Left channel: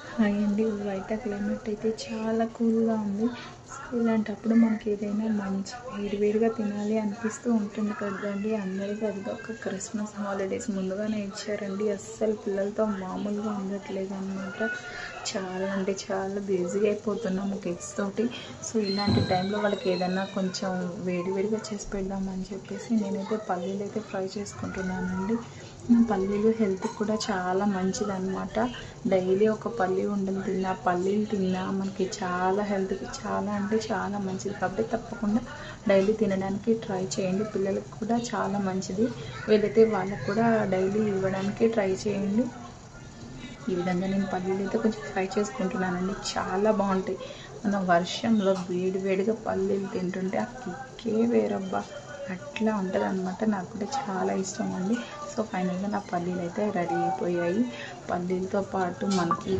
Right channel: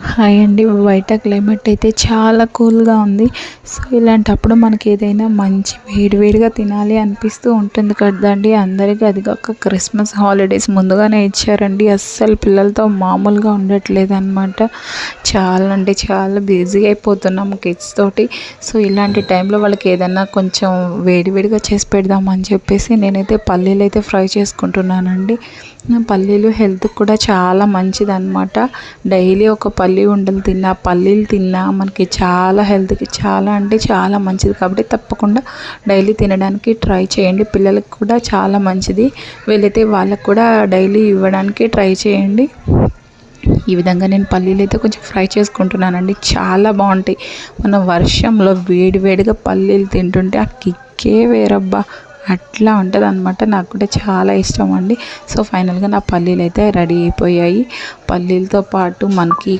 Hi అండి. బయట climate అయితే చాలా కూల్గా ఉంది. సో ఇలాంటప్పుడు మనకి ఏదైనా మంచి వేడివేడిగా తినాలి అనిపిస్తూ ఉంటుంది కదండి అందరికీ. అది కాక క్రిస్మస్ హాలిడేస్ ముందుగానే ఇచ్చారండి. అస్సలు పిల్లలతో మామూలుగా ఉండట్లేదు అనమాట. చాలా అంటే చాలా బిజీ అయిపోతున్నాము కిడ్స్ తోటి. సో ఇలాంటి టైంలో వాళ్ళకి ఏదైనా కొంచెం వేడివేడిగా చేసి పెడదామని చెప్పేసి నేనైతే పల్లీలు అయితే ఫ్రై చేసుకుంటున్నానండి. పల్లీలు హెల్త్కి కూడా చాలా మంచిదన్నమాట. డైలీ ఒక పల్లి ఉండలు తిన్నా, పల్లీలు తిన్నా మనకి చాలా హెల్త్కి చాలా అంటే చాలా మంచిది. కాబట్టి తప్పకుండా డైలీ తినడానికి ట్రై చేయండి. పిల్లలకు కూడా చాలా మంచిది. వీలైతే వాళ్ళకు కూడా డైలీ ఇవ్వడానికి ట్రై చేయండి. ఈ విధంగా నేను పల్లీలు అయితే కొంచెం ఫ్రై చేసుకుంటున్నానండి. చాలా బాగుంటాయి. మన వర్షంలో వేడివేడిగా పల్లీలు తింటుంటే ఆ కిక్కే వేరబ్బా, అట్లా ఉంటుంది అనమాట. నాకు కూడా చాలా ఇష్టం అండి. సో ఫైనల్గా నా పల్లీలు అయితే రెడీ అయిపోయాయి. పల్లీలతో పాటు మనకి